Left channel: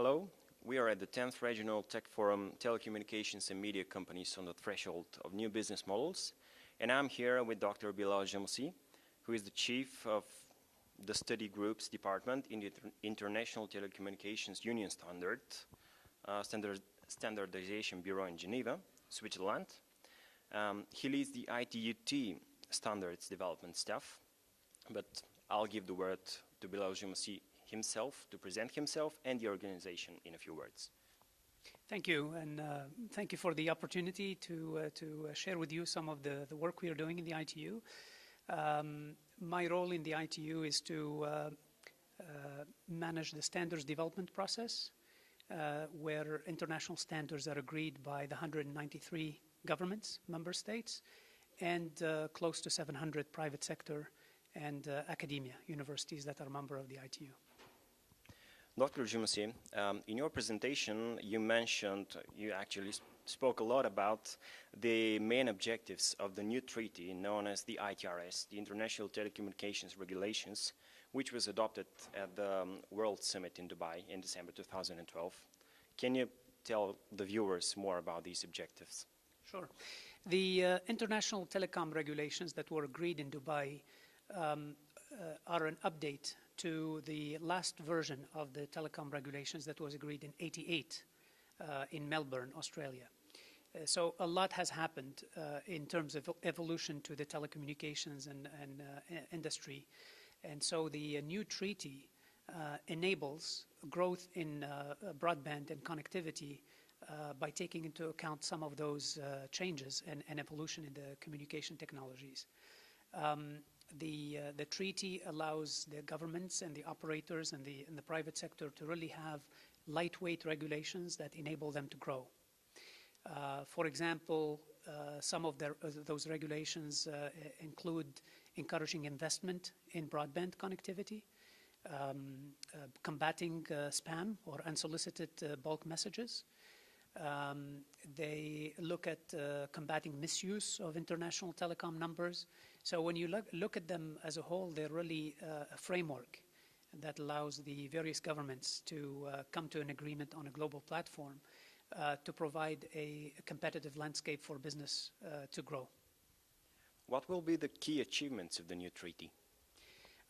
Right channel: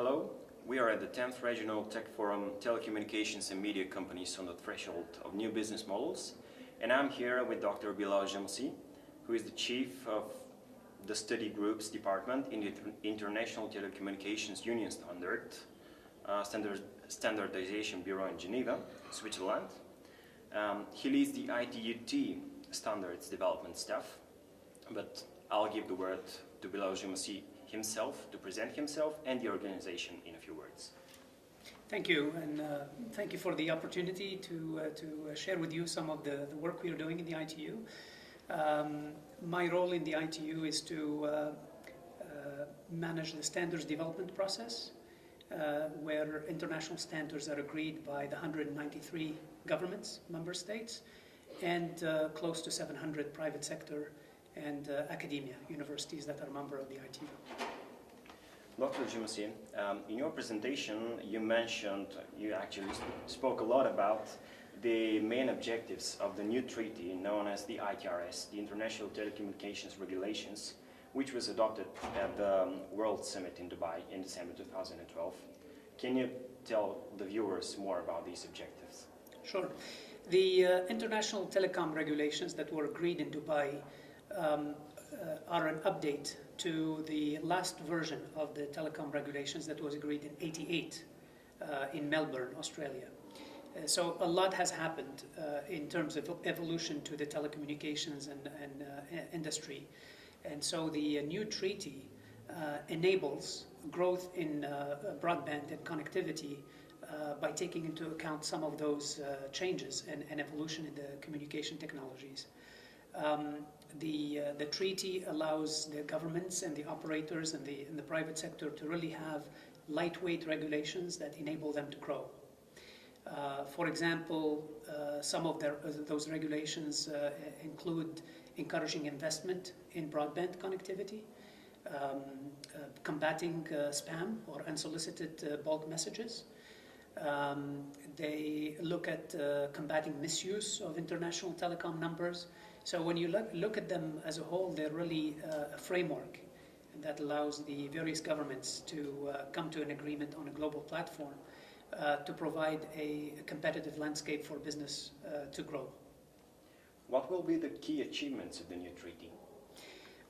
Hello, we are at the 10th Regional Tech Forum, Telecommunications and Media Companies on the Threshold of New Business Models, and I'm here with Dr. Bilel Jamoussi, who is the Chief of the Study Groups Department in the International Telecommunications Union Standardization Bureau in Geneva, Switzerland. He leads the ITUT Standards Development staff, but I'll give the word to Bilel Jamoussi himself to present himself and the organization in a few words. Thank you, and thank you for the opportunity to share with you some of the work we are doing in the ITU. My role in the ITU is to manage the standards development process, where international standards are agreed by the 193 governments, member states, and close to 700 private sector and academia, universities that are member of the ITU. Dr. Jamoussi, in your presentation you actually spoke a lot about the main objectives of the new treaty known as the ITRS, the International Telecommunications Regulations, which was adopted at the World Summit in Dubai in December 2012. Can you tell the viewers more about these objectives? Sure. The international telecom regulations that were agreed in Dubai are an update to the last version of the telecom regulations that was agreed in '88 in Melbourne, Australia. So a lot has happened in terms of evolution to the telecommunications and industry. And so the new treaty enables growth in broadband and connectivity by taking into account some of those changes and evolution in the communication technologies. The treaty allows the governments and the operators and the private sector to really have lightweight regulations that enable them to grow. For example, some of those regulations include encouraging investment in broadband connectivity, combating spam or unsolicited bulk messages. They look at combating misuse of international telecom numbers. So when you look at them as a whole, they're really a framework that allows the various governments to come to an agreement on a global platform to provide a competitive landscape for business to grow. What will be the key achievements of the new treaty?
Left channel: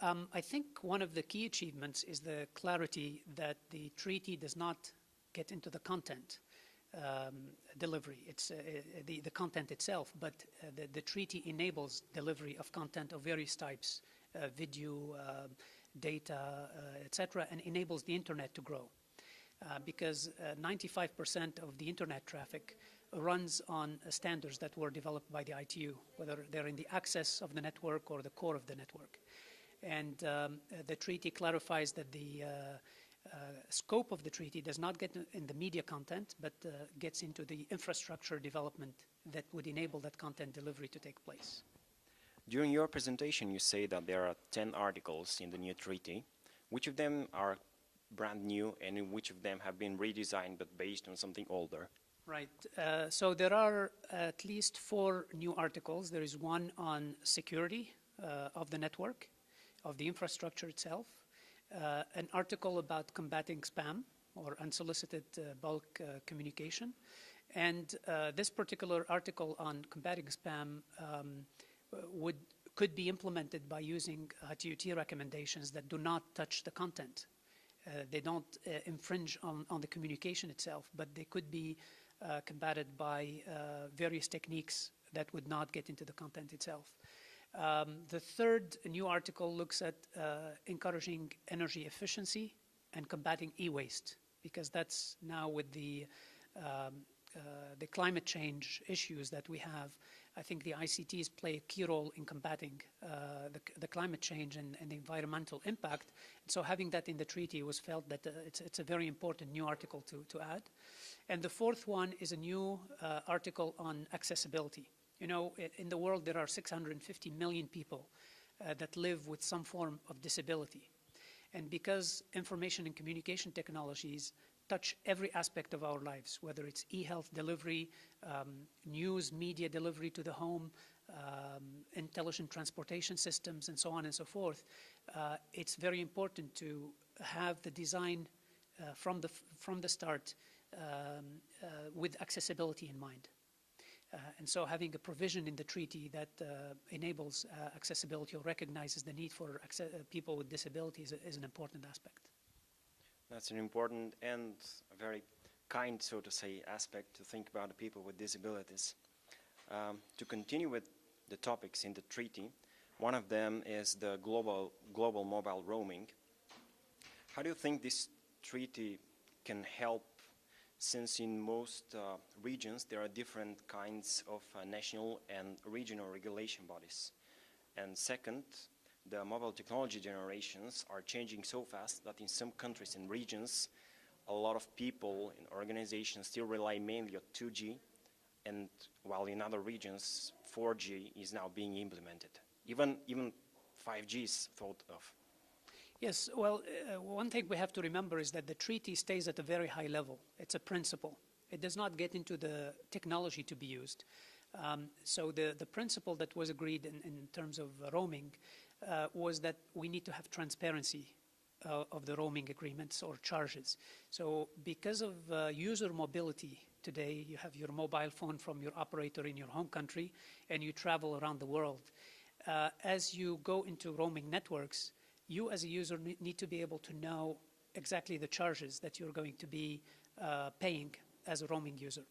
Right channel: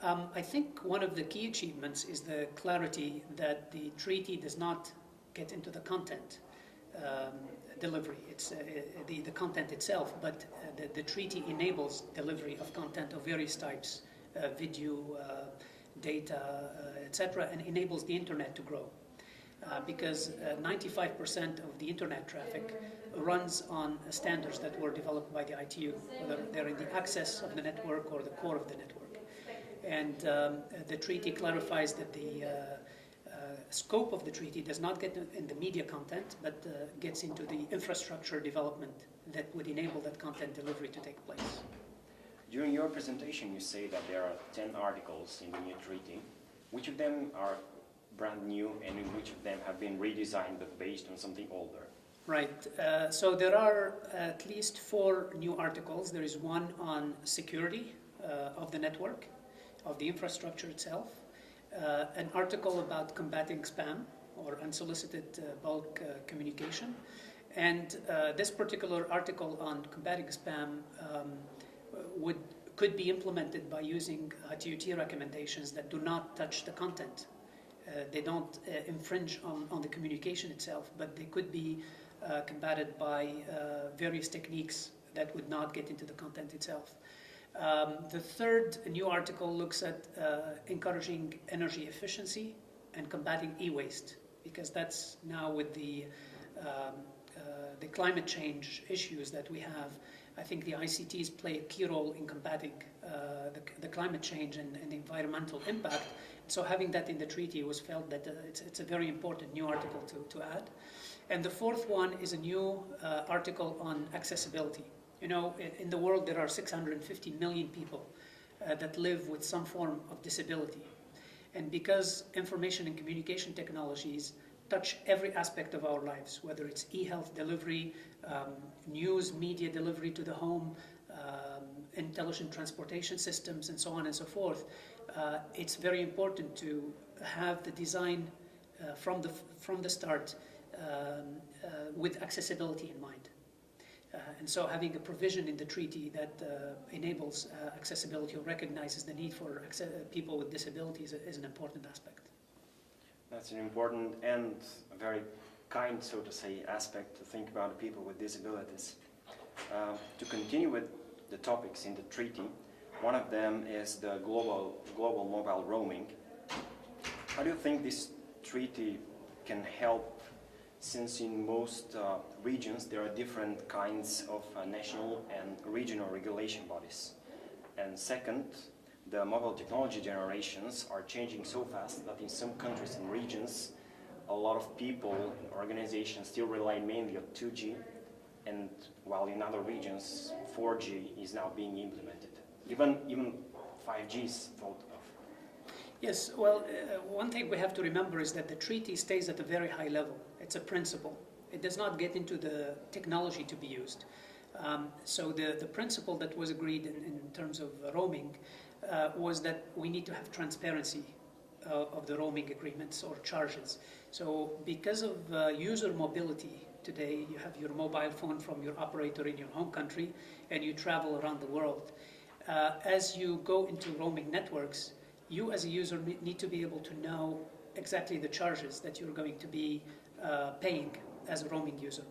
I think one of the key achievements is the clarity that the treaty does not get into the content delivery. It's the content itself, but the treaty enables delivery of content of various types, video, data, etc., and enables the internet to grow. Because 95% of the internet traffic runs on standards that were developed by the ITU, whether they're in the access of the network or the core of the network. And the treaty clarifies that the scope of the treaty does not get in the media content, but gets into the infrastructure development that would enable that content delivery to take place. During your presentation, you say that there are 10 articles in the new treaty. Which of them are brand new and which of them have been redesigned but based on something older? Right. So there are at least 4 new articles. There is one on security of the network, of the infrastructure itself. An article about combating spam or unsolicited bulk communication. And this particular article on combating spam could be implemented by using ITUT recommendations that do not touch the content. They don't infringe on the communication itself, but they could be combated by various techniques that would not get into the content itself. The third new article looks at encouraging energy efficiency and combating e-waste, because that's now with the climate change issues that we have. I think the ICTs play a key role in combating the climate change and the environmental impact. So having that in the treaty was felt that it's a very important new article to add. And the fourth one is a new article on accessibility. You know, in the world there are 650 million people that live with some form of disability. And because information and communication technologies touch every aspect of our lives, whether it's e-health delivery, news, media delivery to the home, intelligent transportation systems, and so on and so forth, it's very important to have the design from the start with accessibility in mind. And so having a provision in the treaty that enables accessibility or recognizes the need for people with disabilities is an important aspect. That's an important and a very kind, so to say, aspect to think about people with disabilities. To continue with the topics in the treaty, one of them is the global mobile roaming. How do you think this treaty can help, since in most regions there are different kinds of national and regional regulation bodies? And second, the mobile technology generations are changing so fast that in some countries and regions a lot of people and organizations still rely mainly on 2G, and while in other regions 4G is now being implemented. Even 5G is thought of. Yes, well, one thing we have to remember is that the treaty stays at a very high level. It's a principle. It does not get into the technology to be used. So the principle that was agreed in terms of roaming was that we need to have transparency of the roaming agreements or charges. So because of user mobility today, you have your mobile phone from your operator in your home country and you travel around the world. As you go into roaming networks, you as a user need to be able to know exactly the charges that you're going to be paying as a roaming user.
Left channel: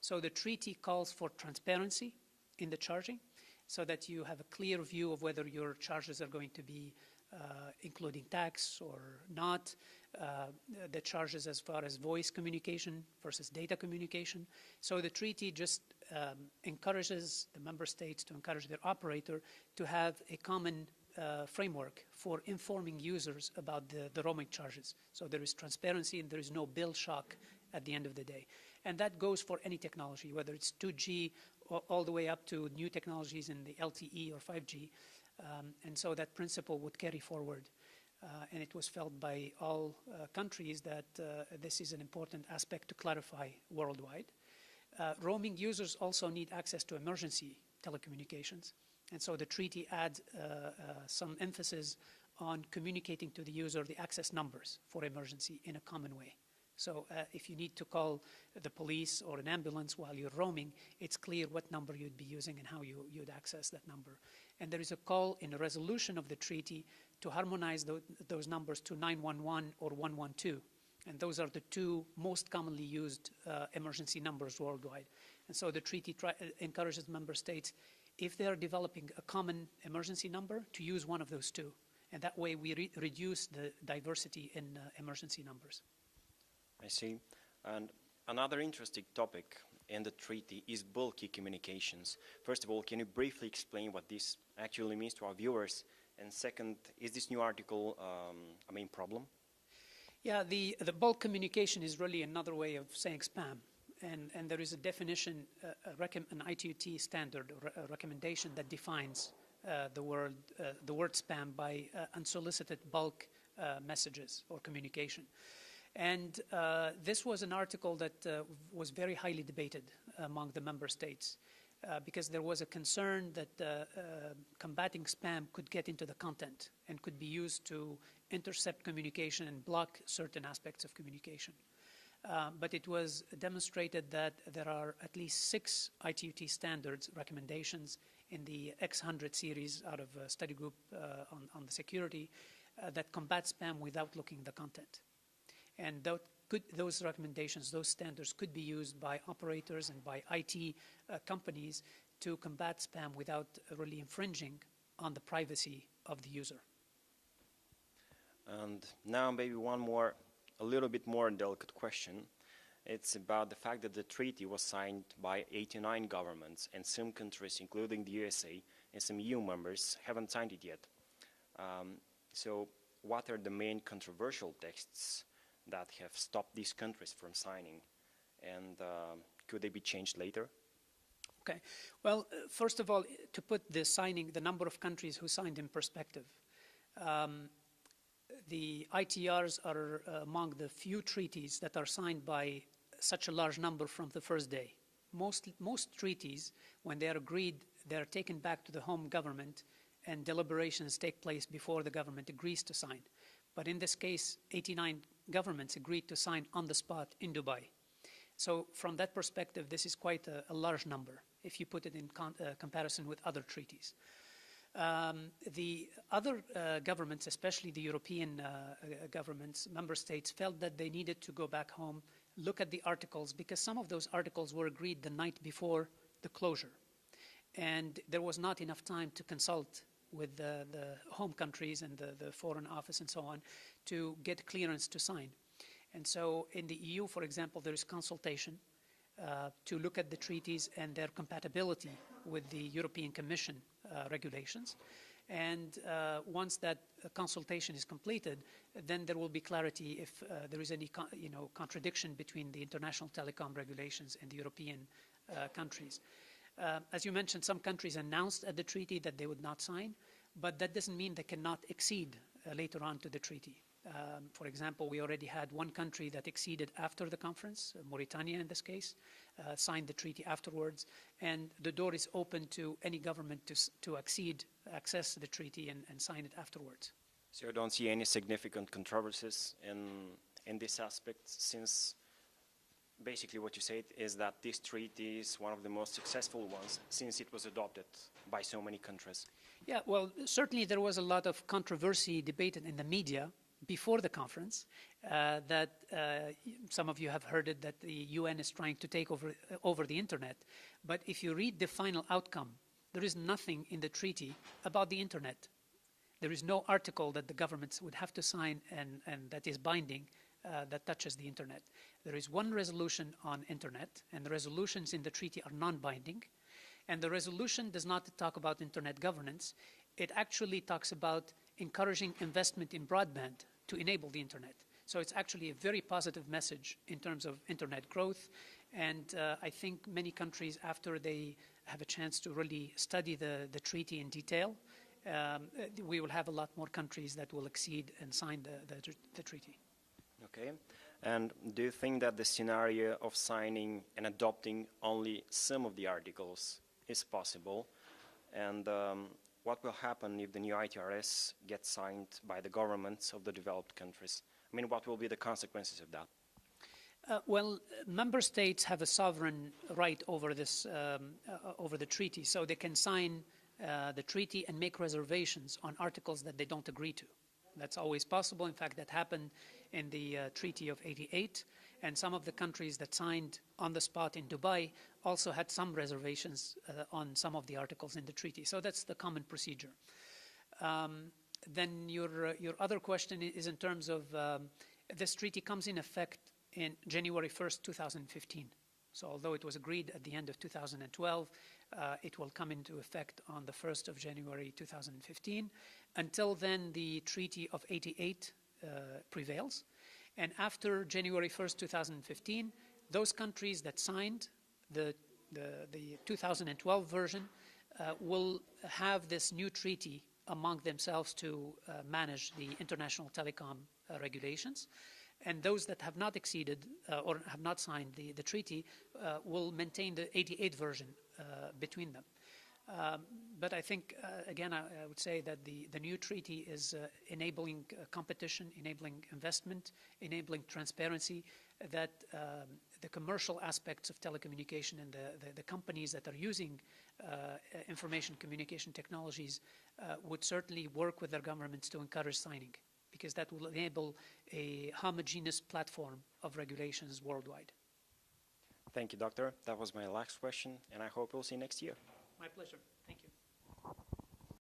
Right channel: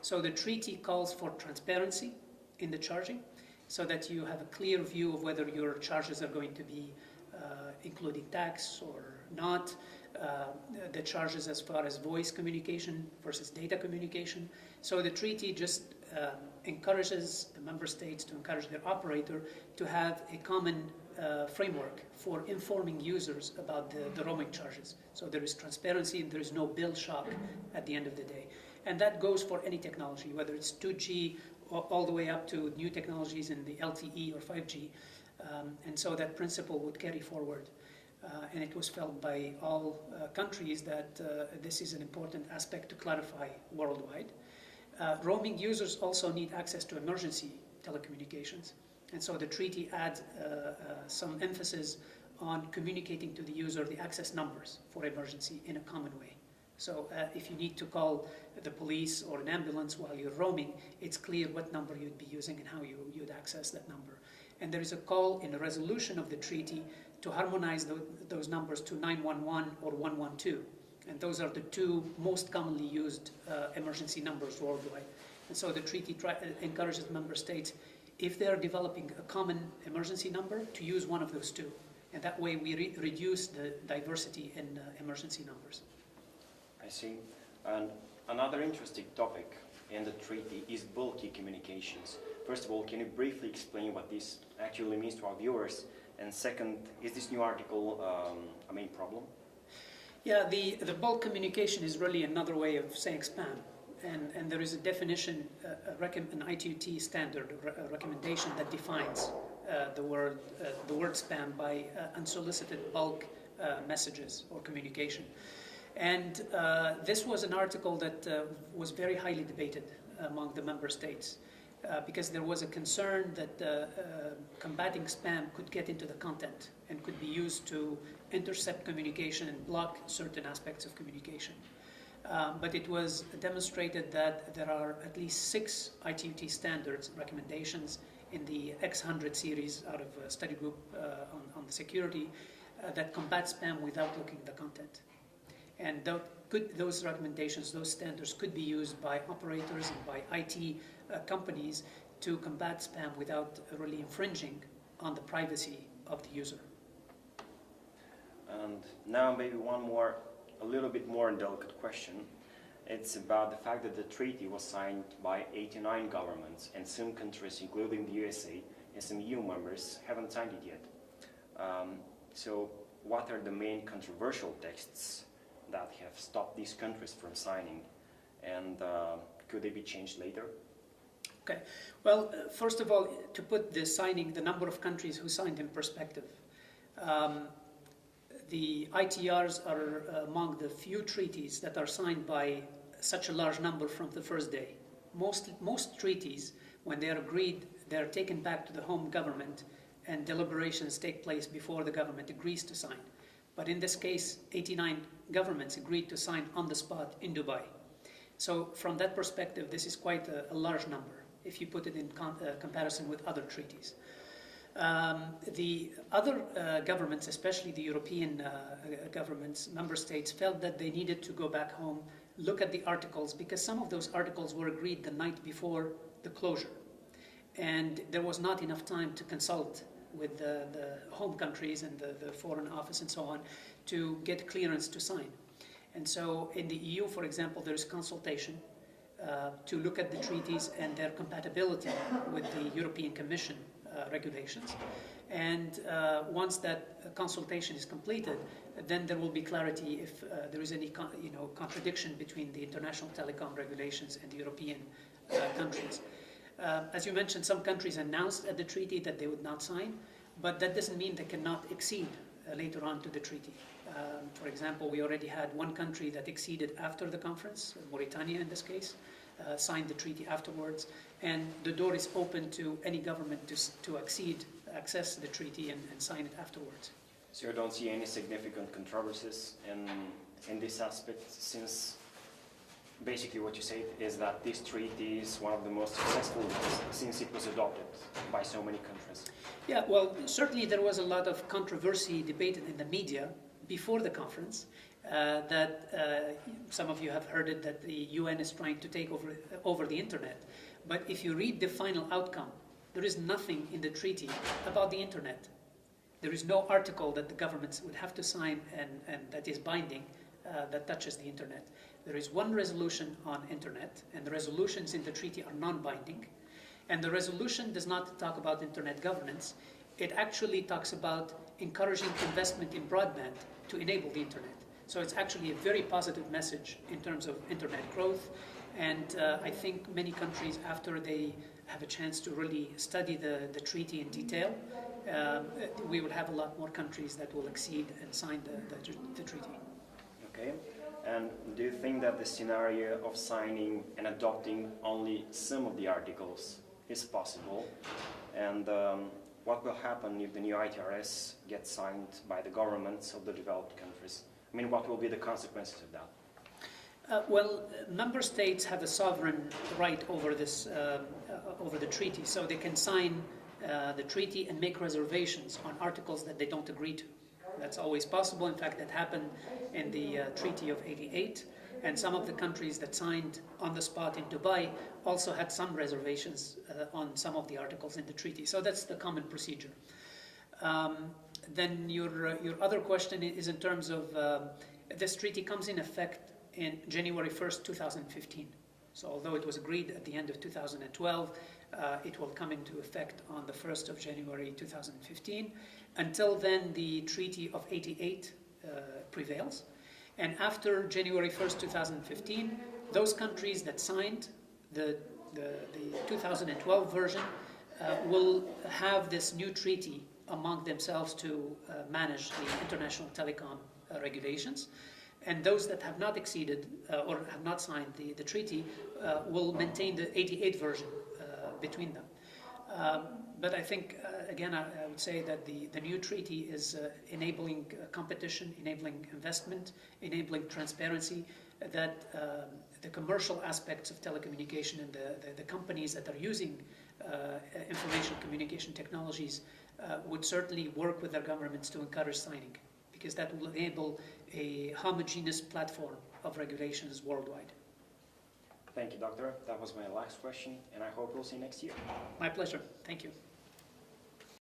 So the treaty calls for transparency in the charging so that you have a clear view of whether your charges are going to be including tax or not, the charges as far as voice communication versus data communication. So the treaty just encourages the member states to encourage their operator to have a common framework for informing users about the roaming charges. So there is transparency and there is no bill shock at the end of the day. And that goes for any technology, whether it's 2G all the way up to new technologies in the LTE or 5G. And so that principle would carry forward. And it was felt by all countries that this is an important aspect to clarify worldwide. Roaming users also need access to emergency telecommunications. And so the treaty adds some emphasis on communicating to the user the access numbers for emergency in a common way. So if you need to call the police or an ambulance while you're roaming, it's clear what number you'd be using and how you'd access that number. And there is a call in a resolution of the treaty to harmonize those numbers to 911 or 112. And those are the two most commonly used emergency numbers worldwide. And so the treaty encourages member states, if they are developing a common emergency number, to use one of those two. And that way we reduce the diversity in emergency numbers. I see. And another interesting topic in the treaty is bulky communications. First of all, can you briefly explain what this actually means to our viewers? And second, is this new article a main problem? Yeah, the bulk communication is really another way of saying spam. And there is a definition, an ITU-T standard, a recommendation that defines the word spam by unsolicited bulk messages or communication. And this was an article that was very highly debated among the member states because there was a concern that combating spam could get into the content and could be used to intercept communication and block certain aspects of communication. But it was demonstrated that there are at least 6 ITU-T standards recommendations in the X100 series out of a study group on the security that combat spam without looking at the content. And those recommendations, those standards could be used by operators and by IT companies to combat spam without really infringing on the privacy of the user. And now maybe a little bit more delicate question. It's about the fact that the treaty was signed by 89 governments, and some countries, including the USA and some EU members, haven't signed it yet. So what are the main controversial texts that have stopped these countries from signing, and could they be changed later? Okay. Well, first of all, to put the number of countries who signed in perspective, the ITRs are among the few treaties that are signed by such a large number from the first day. Most treaties, when they are agreed, they are taken back to the home government and deliberations take place before the government agrees to sign. But in this case, 89 governments agreed to sign on the spot in Dubai. So from that perspective, this is quite a large number if you put it in comparison with other treaties. The other governments, especially the European governments, member states, felt that they needed to go back home, look at the articles, because some of those articles were agreed the night before the closure. And there was not enough time to consult with the home countries and the Foreign Office and so on to get clearance to sign. And so in the EU, for example, there is consultation to look at the treaties and their compatibility with the European Commission regulations. And once that consultation is completed, then there will be clarity if there is any contradiction between the international telecom regulations and the European countries. As you mentioned, some countries announced at the treaty that they would not sign, but that doesn't mean they cannot accede later on to the treaty. For example, we already had one country that acceded after the conference, Mauritania in this case, signed the treaty afterwards, and the door is open to any government to access the treaty and sign it afterwards. So you don't see any significant controversies in this aspect, since basically what you said is that this treaty is one of the most successful ones since it was adopted by so many countries. Yeah, well, certainly there was a lot of controversy debated in the media before the conference, that some of you have heard it, that the UN is trying to take over the internet. But if you read the final outcome, there is nothing in the treaty about the internet. There is no article that the governments would have to sign and that is binding that touches the internet. There is one resolution on internet, and the resolutions in the treaty are non-binding. And the resolution does not talk about internet governance. It actually talks about encouraging investment in broadband to enable the internet. So it's actually a very positive message in terms of internet growth. And I think many countries, after they have a chance to really study the treaty in detail, we will have a lot more countries that will accede and sign the treaty. Okay. And do you think that the scenario of signing and adopting only some of the articles is possible? And what will happen if the new ITRS gets signed by the governments of the developed countries? I mean, what will be the consequences of that? Well, member states have a sovereign right over this, over the treaty, so they can sign the treaty and make reservations on articles that they don't agree to. That's always possible. In fact, that happened in the Treaty of '88, and some of the countries that signed on the spot in Dubai also had some reservations on some of the articles in the treaty. So that's the common procedure. Then your other question is in terms of this treaty comes in effect in January 1st, 2015. So although it was agreed at the end of 2012, it will come into effect on the 1st of January 2015. Until then, the Treaty of '88 prevails. And after January 1st, 2015, those countries that signed the 2012 version will have this new treaty among themselves to manage the international telecom regulations. And those that have not acceded or have not signed the treaty will maintain the '88 version between them. But I think, again, I would say that the new treaty is enabling competition, enabling investment, enabling transparency, that the commercial aspects of telecommunication and the companies that are using information communication technologies would certainly work with their governments to encourage signing, because that will enable a homogeneous platform of regulations worldwide. Thank you, Doctor. That was my last question, and I hope we'll see you next year. My pleasure. Thank you.